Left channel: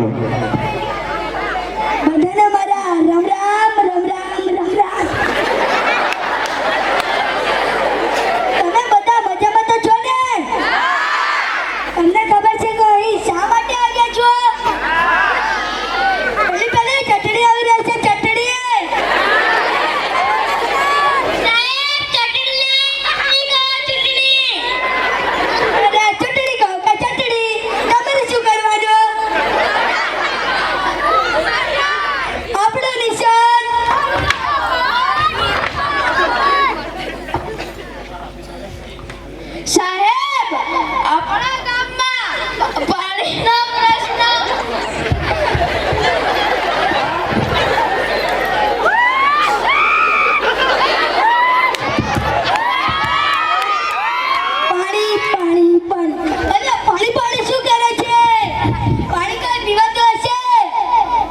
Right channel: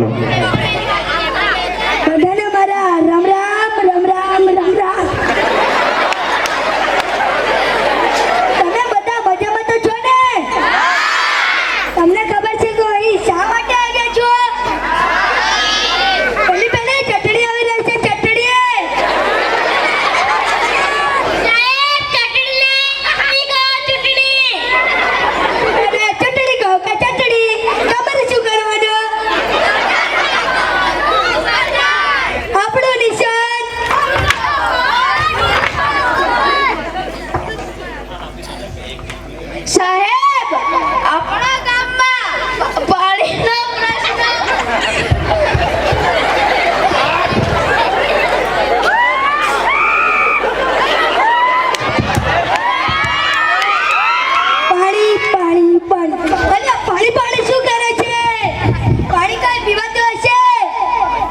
હાલો બધાને મારા રામ રામ રામ રામ રામ રામ. તમે બધા મજામાં તો છો ને? તમને ખબર છે કે અહીં શા માટે આવ્યા છો? પેલી ચટણી આવી રહી છે. ચટણી સાહેબ, આપણા ગામમાં પાણીનો પ્રશ્ન પાણી પાણી પાણી અરે પાણી પાણી શું કરે છે? પાણી કઈ પીવાતો હશે?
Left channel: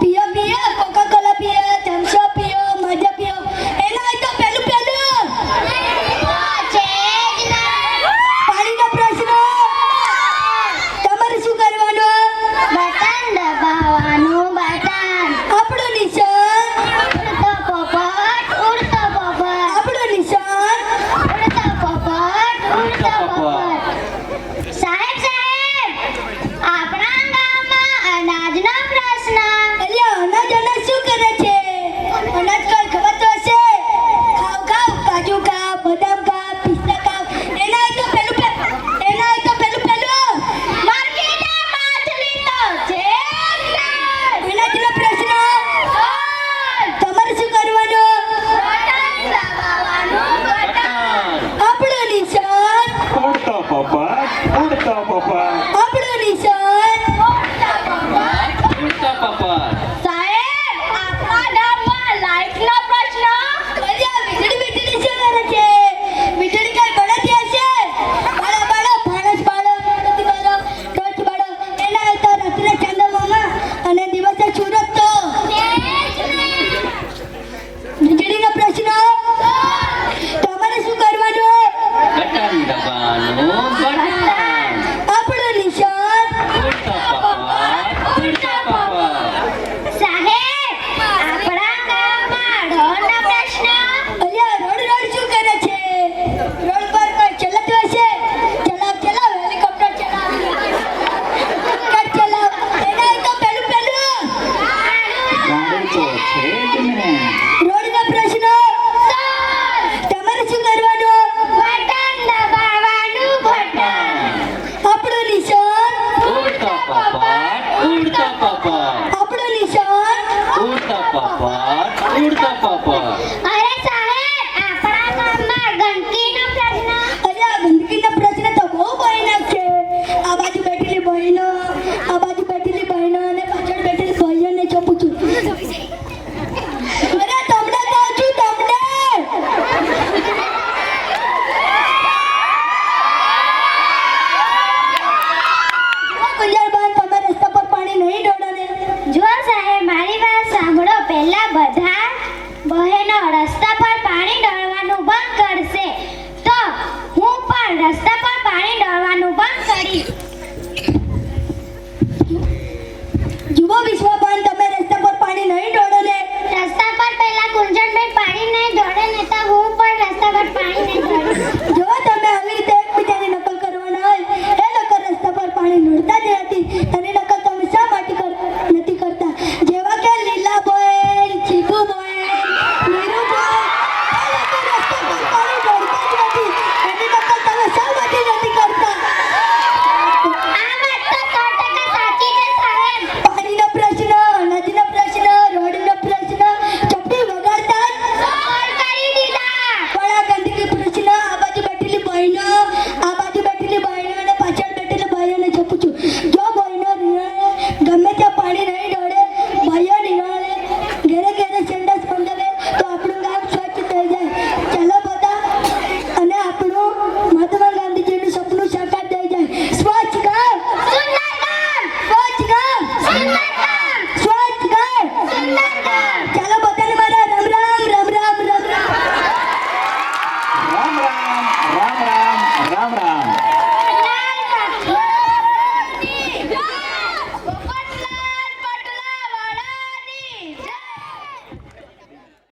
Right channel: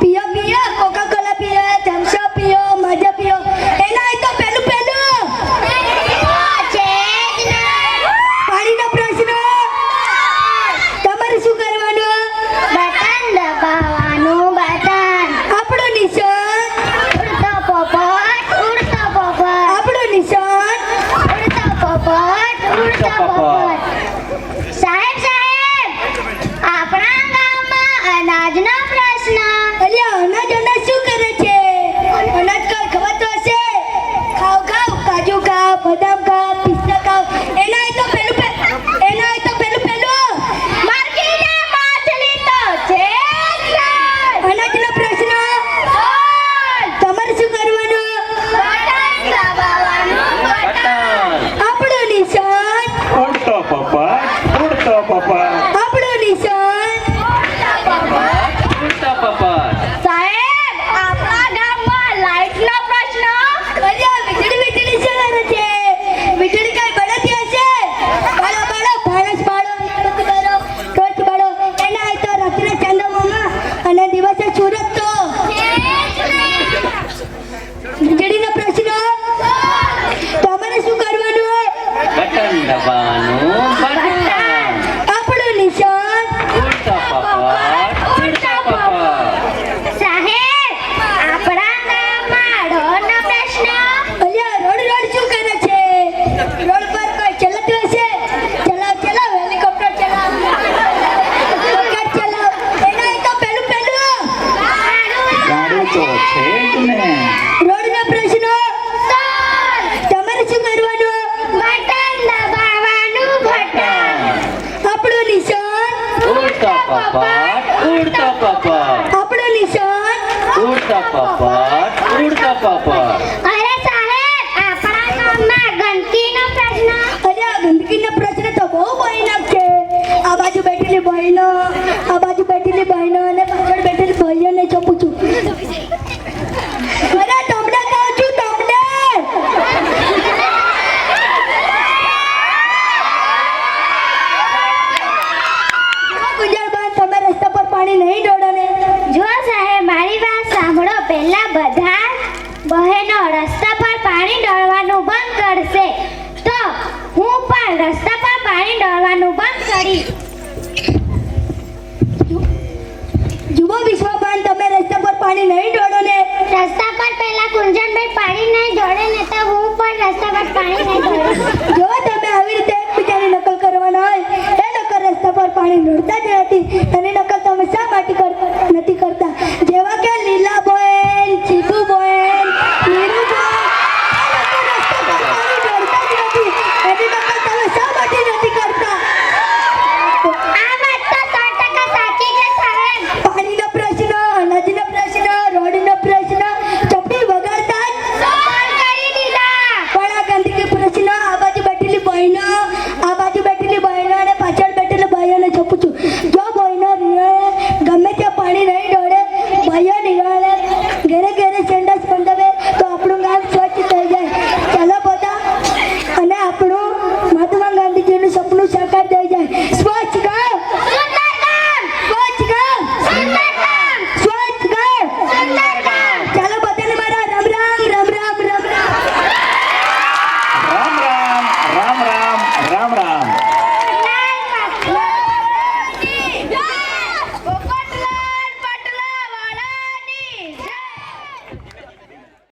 પીઓ પીઓ, કોકા કોલા પીઓ, થમ્સ અપ પીઓ, મજા પીઓ. એના અહીં તો પેલું પાણીનો પ્રશ્ન. તમારે શું કરવાનું? બટન દબાવવાનું. બટન. આપણું નિશાન ઉડતો પોપટ ઉડતો પોપટ. આપણું નિશાન ઉડતો પોપટ ઉડતો પોપટ. સાહેબ સાહેબ, આપણા ગામમાં અનાજનો પ્રશ્ન. અલ્યા અનાજ શું કરે છે? અનાજ કઈ ખબર તો હશે. ખાવ ખાવ, કાજુ ખાવ, બદામ ખાવ, પિસ્તા ખાવ. એના અહીં તો પેલું માર્કેટે માછલી તો છે જ નહીં. અનાજનો પ્રશ્ન. તમારે શું કરવાનું? બટન દબાવવાનું. બટન. આપણું નિશાન ઉડતો પોપટ ઉડતો પોપટ. આપણું નિશાન ઉડતો પોપટ. સાહેબ, આપણા ગામમાં લાઈટનો પ્રશ્ન. અલ્યા વીજળી શું કરે છે? વીજળી કઈ બળતી હશે? બાળો બાળો, ફાણસ બાળો, મીણબત્તી બાળો, ટોર્ચ બાળો. એના અહીં તો રાત્રે ચંદ્રમામાં અને દિવસે સૂરજ તો વીજળીનો પ્રશ્ન. તમારે શું કરવાનું? બટન દબાવવાનું. બટન. આપણું નિશાન ઉડતો પોપટ ઉડતો પોપટ. સાહેબ, આપણા ગામમાં રોડનો પ્રશ્ન. અલ્યા રોડ શું કરે છે? રોડ પર કોઈ ચલાતું હશે? ચલાવ હેલિકોપ્ટર ચલાવ, રોકેટ ચલાવ. એના અહીં તો પેલું ગાડી તો છે જ ને. રોડનો પ્રશ્ન. તમારે શું કરવાનું? બટન દબાવવાનું. બટન. આપણું નિશાન ઉડતો પોપટ ઉડતો પોપટ. આપણું નિશાન. ઉડતો પોપટ ઉડતો પોપટ. અરે સાહેબ, આપણા ગામમાં ગંદકીનો પ્રશ્ન. અરે આ ગંદકીનો પ્રશ્ન તો બહુ ભયાનક છે. આ બાજુ બેઠેલી બહેનો, અને પાછળ બેઠેલી ભાઈઓને જો પૂછું. અરે તમને કહું છું, તમને. ગુંજરબાન, તમે રસ્તા પર પાણી નહીં ઢોળો ને? જો સાહેબ, મારી વાત સાંભળો. પહેલા બધા બહેનો રસ્તા પર પાણી ઢોળવાનું બંધ કરશે તો હું પણ રસ્તા પર પાણી ઢોળવાનું બંધ કરીશ. જુઓ વિશ્વબાન,